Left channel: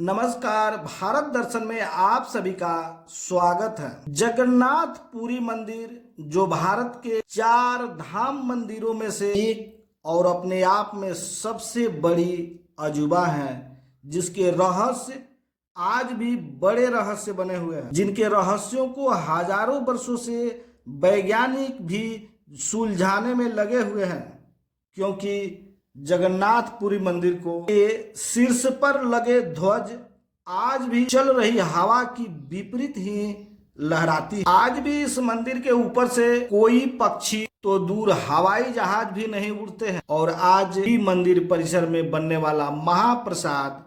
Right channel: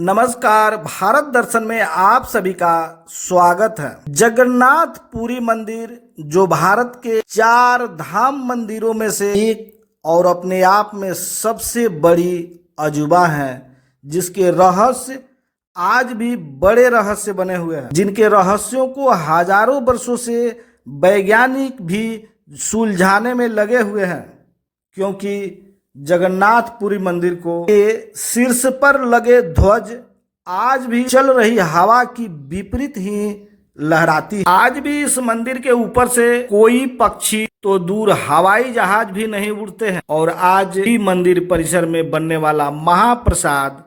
नमस्कार। भारत दर्शन में आप सभी का स्वागत है। जगन्नाथ पुरी मंदिर जो भारत के 4 धाम मंदिरों में से एक और अपने आप में सबसे बड़ी अजूबा है, जिसके रहस्य आज भी बड़े रहस्य बने हुए हैं, जिनके रहस्यों को हजारों वर्षों से वैज्ञानिक भी सुलझाने में लगे हुए हैं। क्योंकि जगन्नाथपुरी मंदिर को के शीर्ष पर लगे ध्वज आज भी चल रही हवा की विपरीत ही लहराती है। आज भी इस मंदिर के ऊपर से कोई पक्षी तो दूर हवाई जहाज भी नहीं उड़ते हैं। और आज भी मंदिर परिसर में बनने वाला महाप्रसाद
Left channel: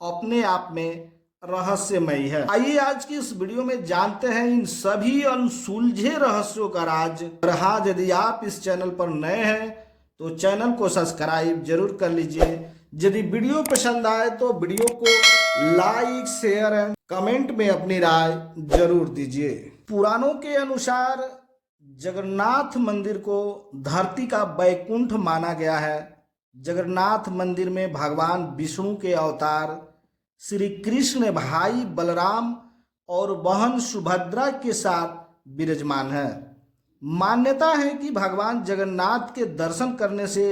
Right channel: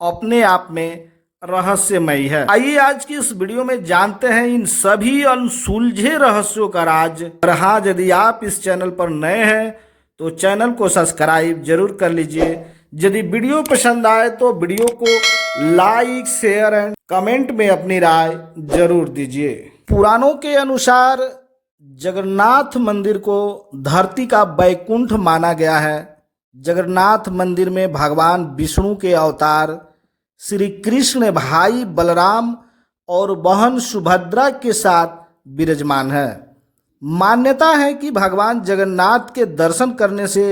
अपने आप में रहस्यमयी है। आइए आज की इस वीडियो में जानते हैं इन सभी अनसुलझे रहस्यों का राज। और हाँ, यदि आप इस चैनल पर नए हैं तो चैनल को सब्सक्राइब जरूर कर लीजिए। यदि वीडियो पसंद आए तो वीडियो को लाइक, शेयर एंड कमेंट में अपनी राय जरूर दीजिए। पुराणों के अनुसार जगन्नाथ मंदिर को धरती का बैकुंठ माना गया है। जगन्नाथ मंदिर में भगवान विष्णु के अवतार श्री कृष्ण भाई बलराम और बहन सुभद्रा के साथ विराजमान है। मान्यता है कि भगवान जगन्नाथ के दर्शन करने से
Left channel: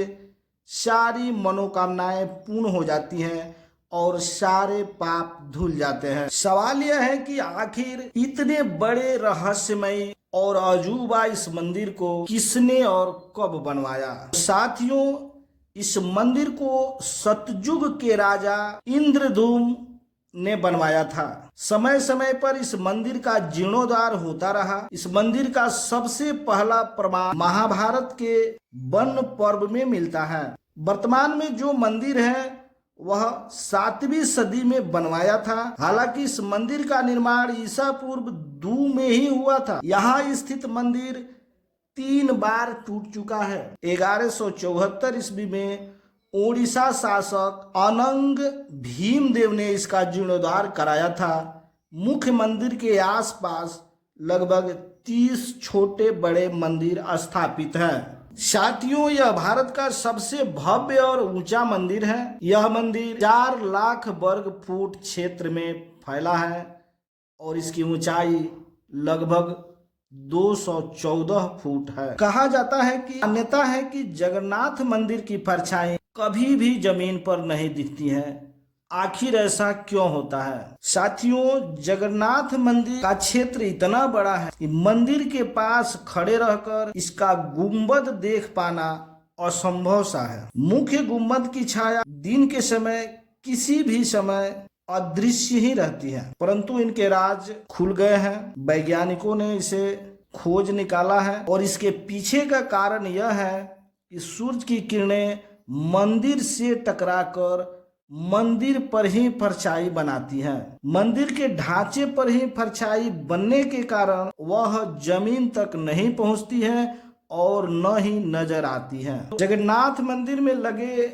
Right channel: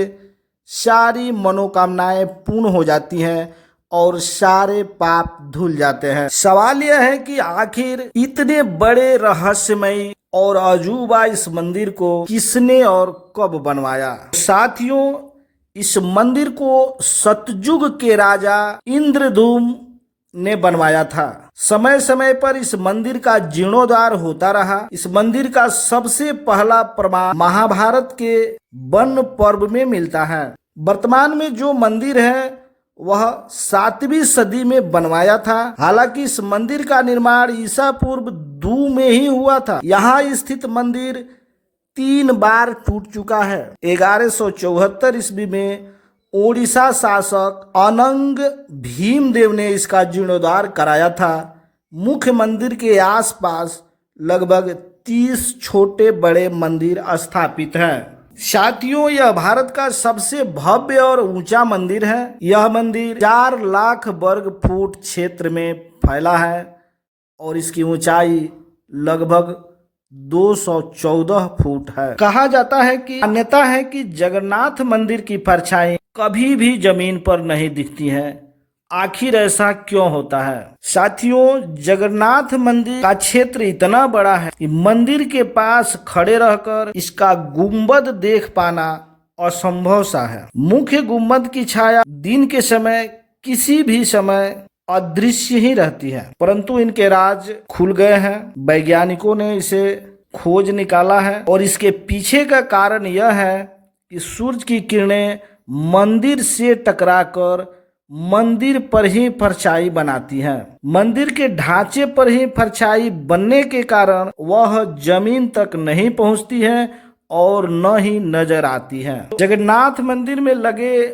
सारी मनोकामनाएं पूर्ण हो जाती हैं और सारे पाप धुल जाते हैं। सवाल यह है कि आखिर इतने बड़े रहस्यमयी और अजूबा इस मंदिर को किसने और कब बनवाया। साथियों, इस मंदिर को सतयुग के राजा इंद्रद्युम्न ने बनवाया था। समय समय पर इस मंदिर का जीर्णोद्धार होता रहा। इस मंदिर का सबसे पहला प्रमाण महाभारत के वन पर्व में मिलता है। वर्तमान में जो मंदिर है वह 7वीं सदी में बनवाया था। हालांकि इस मंदिर का निर्माण ईसा पूर्व 2 में ही हुआ था। यहाँ स्थित मंदिर 3 बार टूट चुका है। 1174 ईस्वी में ओडिशा शासक अनंग भीमदेव ने इसका जीर्णोद्धार कराया था। मुख्य मंदिर के आसपास लगभग 30 छोटे बड़े मंदिर स्थापित हैं। साथियों, यह भारत का सबसे भव्य और ऊंचा मंदिर है। यह मंदिर 4 लाख वर्ग फुट क्षेत्र में फैला है और इसकी ऊंचाई लगभग 214 फुट है। कहा जाता है कि मान्यता है कि जगन्नाथ मंदिर की परछाई कभी भी जमीन पर नहीं दिखती है। आखिर ऐसा क्यों होता है? साथियों, जगन्नाथ मंदिर का क्षेत्र इतना बड़ा है कि मंदिर के पास खड़े रहकर इसका गुंबद देख पाना असंभव सा है। मुख्य गुंबद की छाया दिन के समय किसी भी समय अदृश्य ही रहती है, परंतु इनके राज खुल गए हैं। वैज्ञानिकों ने इसे खोज निकाला है और इसके पीछे का कारण यह है कि सूरज की किरणें मंदिर से टकराकर मंदिर पर ही परछाई बनाती हैं। मंदिर के ढांचे पर ही परछाई बनने के कारण वह जमीन तक नहीं पहुंचती है और न ही नजर आती है। जगन्नाथ मंदिर में लगे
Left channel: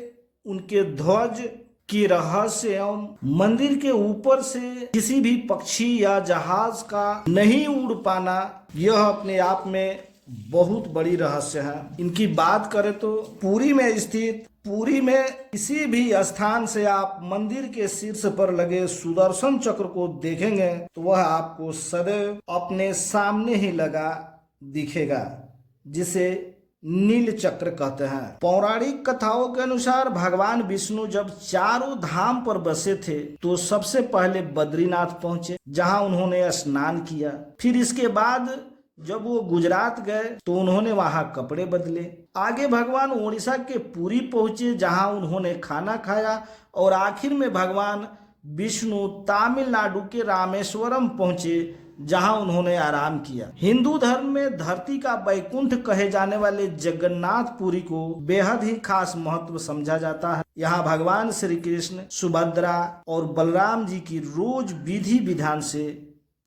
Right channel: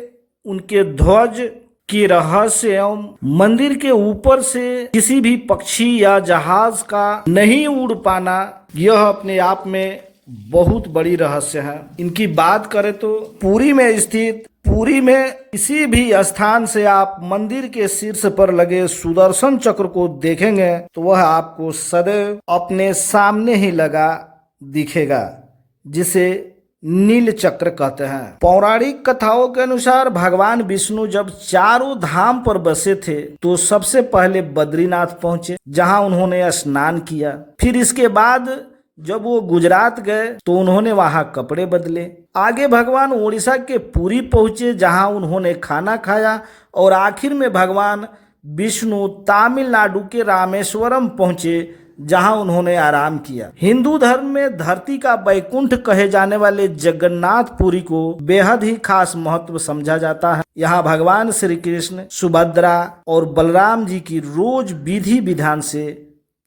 उनके ध्वज की रहस्य एवं मंदिर के ऊपर से किसी भी पक्षी या जहाज का नहीं उड़ पाना, यह अपने आप में बहुत बड़ी रहस्य है। इनकी बात करें तो पुरी में किसी भी स्थान से आप मंदिर के शीर्ष पर लगे सुदर्शन चक्र को देखेंगे तो वह आपको सदैव अपने सामने ही लगा दिखेगा, जिसे नील चक्र कहते हैं। पौराणिक कथाओं के अनुसार भगवान विष्णु जब चारों धाम पर बसे थे तो सबसे पहले बद्रीनाथ पहुंचे, जहां उन्होंने स्नान किया। फिर इसके बाद जब वो गुजरात गए तो उन्होंने वहां कपड़े बदले। आगे भगवान उड़ीसा के पुरी पहुंचे, जहां उन्होंने खाना खाया। और आखिर में भगवान विष्णु तमिलनाडु के रामेश्वरम पहुंचे, जहां उन्होंने आराम किया। हिंदू धर्म में धरती का बैकुंठ कहे जाने वाले जगन्नाथपुरी को बेहद ही खास महत्व समझा जाता है। यहाँ भगवान श्री कृष्ण, सुभद्रा और बलराम जी की रोज विधि विधान से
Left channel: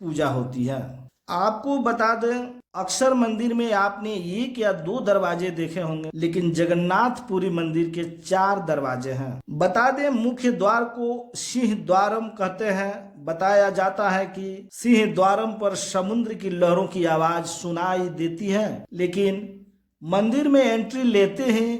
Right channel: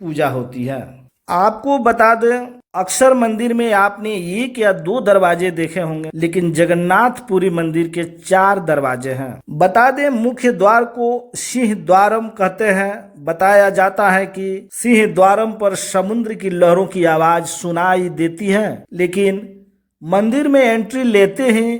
पूजा होती है। आपको बता दें, अक्सर मंदिर में आपने 1 या 2 दरवाजे देखे होंगे, लेकिन जगन्नाथपुरी मंदिर के 4 दरवाजे हैं। बता दें, मुख्य द्वार को सिंह द्वारम कहते हैं। बताया जाता है कि सिंह द्वारम पर समुद्र की लहरों की आवाज सुनाई देती है, लेकिन मंदिर में एंट्री लेते ही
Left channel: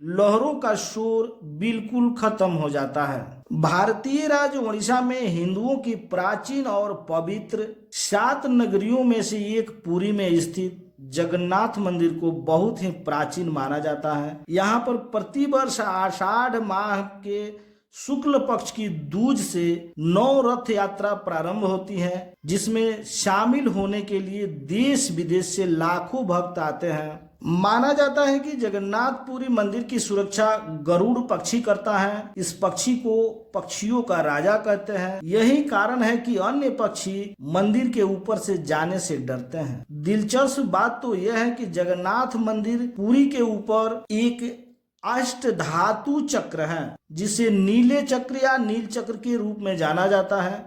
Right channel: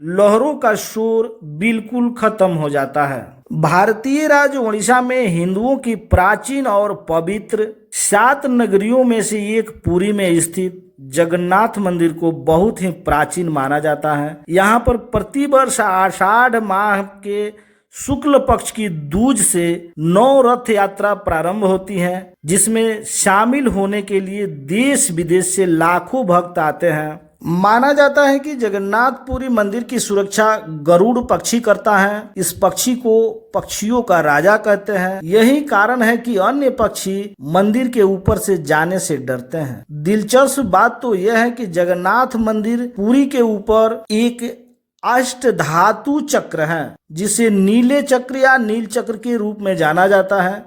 लहरों का शोर बिल्कुल खत्म हो जाता है। भारतीय राज्य उड़ीसा में हिंदुओं की प्राचीन और पवित्र 7 नगरियों में से एक पुरी में स्थित जगन्नाथ मंदिर को बहुत ही प्राचीन माना जाता है। यहाँ पर प्रतिवर्ष आषाढ़ माह के शुक्ल पक्ष की दूज से 9 रथ यात्रा प्रारंभ होती है, जिसमें शामिल होने के लिए देश विदेश से लाखों भक्त आते हैं। माना जाता है कि जगन्नाथपुरी मंदिर की सुरक्षा गरुड़ पक्षी करता है। इस पक्षी को पक्षियों का राजा कहते हैं। यही कारण है कि अन्य पक्षी मंदिर के ऊपर से जाने से डरते हैं। दिलचस्प बात तो यह है कि जगन्नाथ मंदिर पुरी के ऊपर एक अष्टधातु चक्र है, जिसे नीले चक्र या नील चक्र के रूप में जाना जाता है।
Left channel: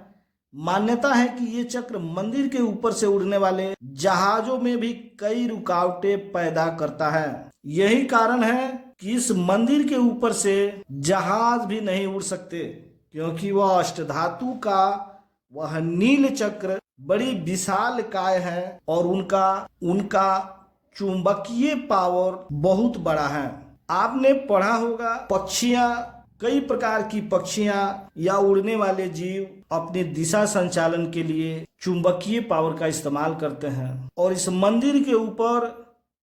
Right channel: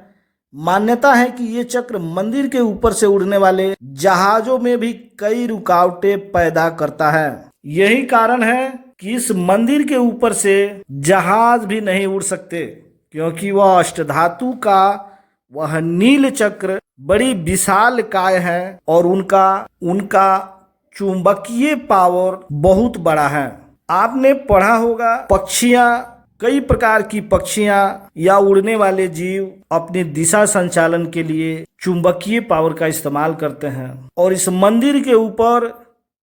मान्यता है कि ये चक्र मंदिर के ऊपर से उड़ने वाले जहाजों में भी कई रुकावटें पैदा करता है। यही कारण है कि इस मंदिर के ऊपर से जहाज भी नहीं उड़ सकते, क्योंकि वह अष्टधातु का वह नील चक्र बड़ी विशाल काय है और उनका चुंबकीय पावर बहुत बड़ा है। आपने पढ़ा होगा पक्षियां, कई प्रकार की पक्षियां या उड़ने वाले जीव अपनी दिशा संचालन के लिए चुंबकीय पावर का इस्तेमाल करते हैं, और इस मंदिर के ऊपर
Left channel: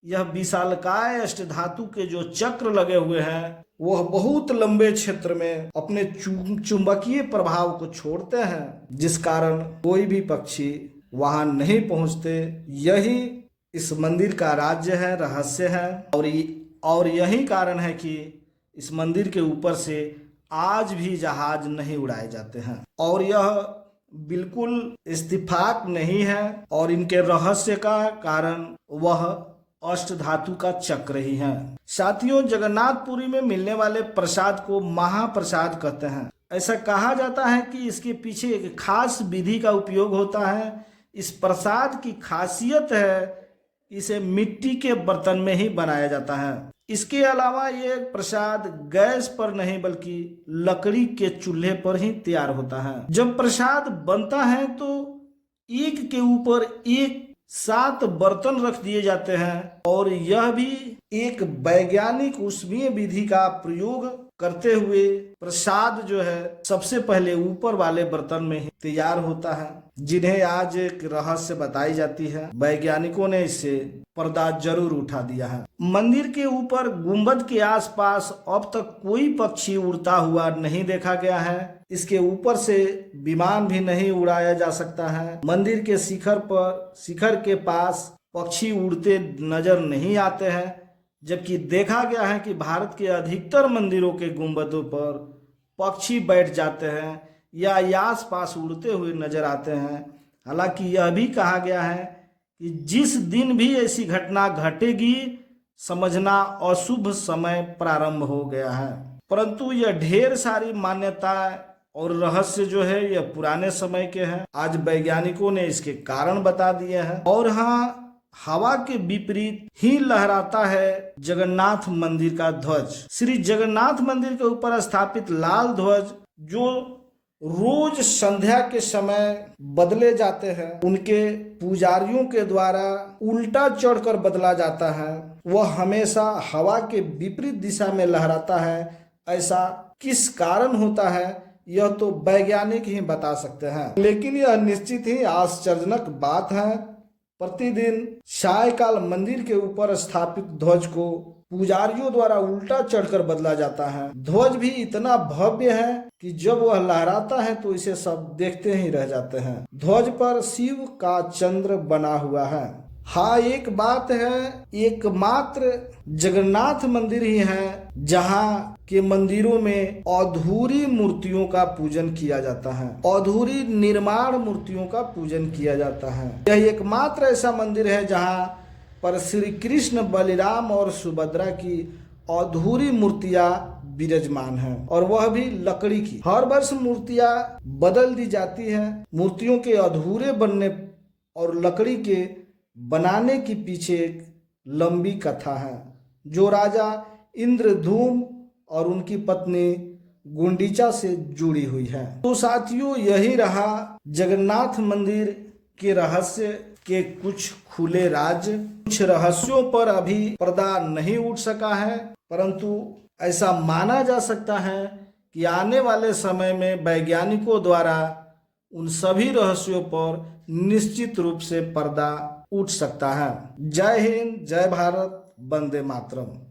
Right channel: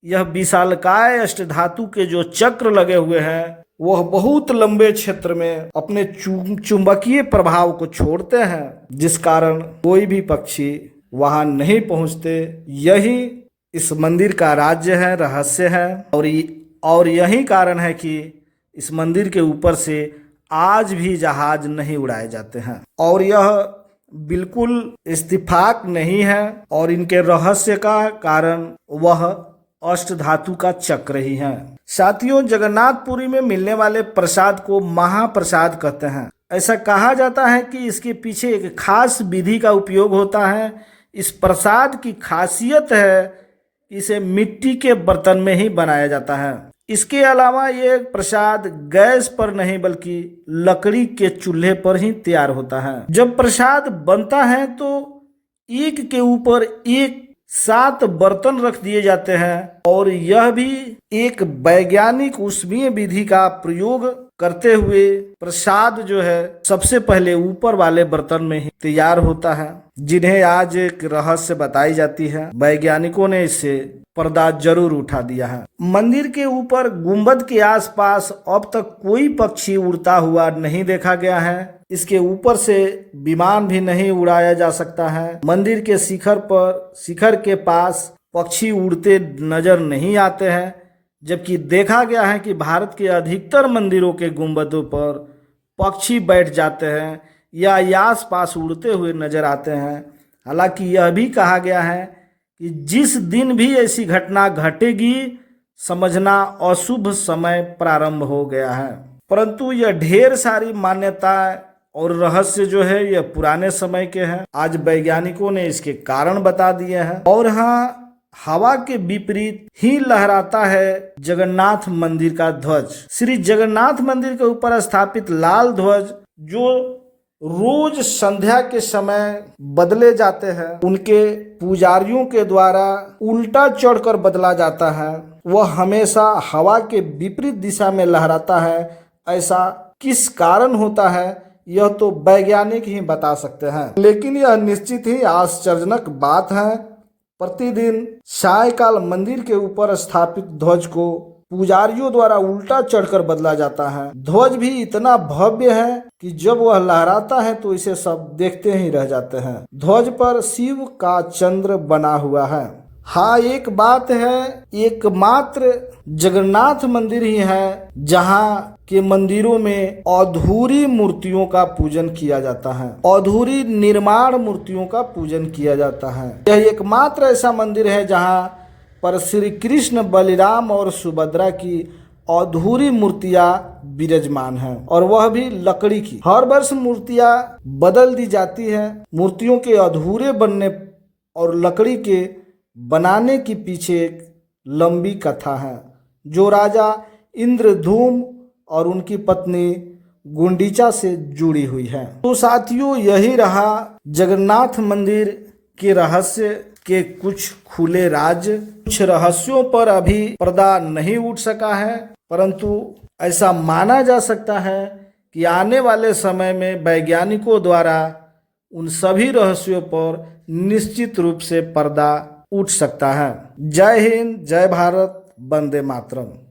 यह विशालकाय अष्टधातु के जो चक्र लगे हुए हैं वह बहुत लंबे क्षेत्र में अपने चुंबकीय प्रभाव को छोड़ते हैं, जिस कारण कोई भी पक्षी वहां नहीं पहुंचते। यही इस मंदिर का राज्य है, रहस्य है, और यही कारण है कि इस मंदिर के ऊपर से आज भी जहाज नहीं उड़ाए जाते हैं। और यह बिल्कुल इत्तेफाक नहीं है, और इनके रहस्य का कारण वह अष्टधातु का चक्र ही है। साथियों, जगन्नाथपुरी में मिलने वाले प्रसाद को महाप्रसाद कहते हैं। ऐसा कहा जाता है कि इसके पीछे एक खास विधि का उपयोग होता है। इस प्रसाद की खासियत है, इसे मिट्टी के बर्तन में ही बनाया जाता है। इसके अलावा ये प्रसाद गैस पर नहीं बल्कि लकड़ी के चूल्हे पर ही तैयार होता है। जब प्रसाद बनता है तो एक के ऊपर एक 7 बर्तन रख दिए जाते हैं, और यह भी एक वैज्ञानिक ऊष्मीय विधि का प्रयोग करते हुए प्रसाद जो है सबसे पहले ऊपर वाले बर्तन में ही तैयार होता है, जिन्हें आज एक रहस्य बताई जाती है। वैज्ञानिकों ने इससे पर्दा जरूर उठा दिया है। मंदिर के ऊपर गुंबद के आसपास अब तक कोई पक्षी उड़ता हुआ नहीं देखा गया है। इसके ऊपर से विमान भी नहीं उड़ाया जा सकता है। मंदिर के शिखर के पास पक्षी उड़ते नजर नहीं आते हैं, जबकि देखा गया है कि भारत के अधिकतर मंदिरों के गुंबदों पर पक्षी बैठ जाते हैं या आस पास उड़ते हुए नजर आते हैं। हालांकि यह भी कहा गया है कि जिस दिन भी ऐसी घटना घटेगी समझना अशुभ समय प्रारंभ हो गया है। परंतु यह ढेर सारी मान्यताएं और रहस्य जो है यह पुराने समय के हैं। आज वैज्ञानिकों ने इसके कारण बता दिए हैं। और हाँ, हवा के विपरीत ही लहराता है जगन्नाथ मंदिर का ध्वज। श्री जगन्नाथ मंदिर के ऊपर स्थापित लाल ध्वज, जो रोज संध्या के समय बदले जाते हैं, उनके पुजारियों के द्वारा उल्टा चढ़कर बदला जाता है। वह हमेशा हवा के विपरीत दिशा में लहराता है। ऐसा किस कारण होता है यह तो वैज्ञानिक ही बता सकते हैं, लेकिन यह निश्चित ही आश्चर्यजनक बात है। प्रतिदिन सायकाल मंदिर के ऊपर स्थापित ध्वज को पुजारियों द्वारा उल्टा चढ़कर बदला जाता है। ध्वज भी इतना भव्य है कि जब वह लहराता है तो इसे सब देखते ही रह जाते हैं। ध्वज पर शिव का चंद्र बना हुआ है। हाँ, एक बात है, एकमात्र जगन्नाथ मंदिर ही है जहाँ के मंदिरों में अधूरी मूर्तियों का पूजन किया जाता है। अधूरी निर्माण मूर्तियों का पूजन किया जाता है। यह एकमात्र ऐसा मंदिर है जहाँ पर श्री कृष्ण, बलिराम और सुभद्रा की अधूरी मूर्तियां विराजमान हैं, और वह भी लकड़ी की। हर वर्ष मूर्तियां बदल दी जाती हैं। मूर्तियों के अधूरे बनने और लकड़ी के बनाने के पीछे एक लंबी कथा है, जो राजा इंद्रधूम और उनकी पत्नी गुंडीचा से जुड़ी हुई है। तो साथियों, यही रहा जगन्नाथ मंदिर के रहस्य के कुछ खुले राज। कुछ रहस्यों पर अभी पर्दा नहीं उठ सका है, परंतु ऐसा माना जा सकता है कि आने वाले समय में वैज्ञानिकों द्वारा उन सभी रहस्यों पर निश्चित रूप से पर्दा उठ सकता है। जय हिंद, जय भारत, वंदे मातरम।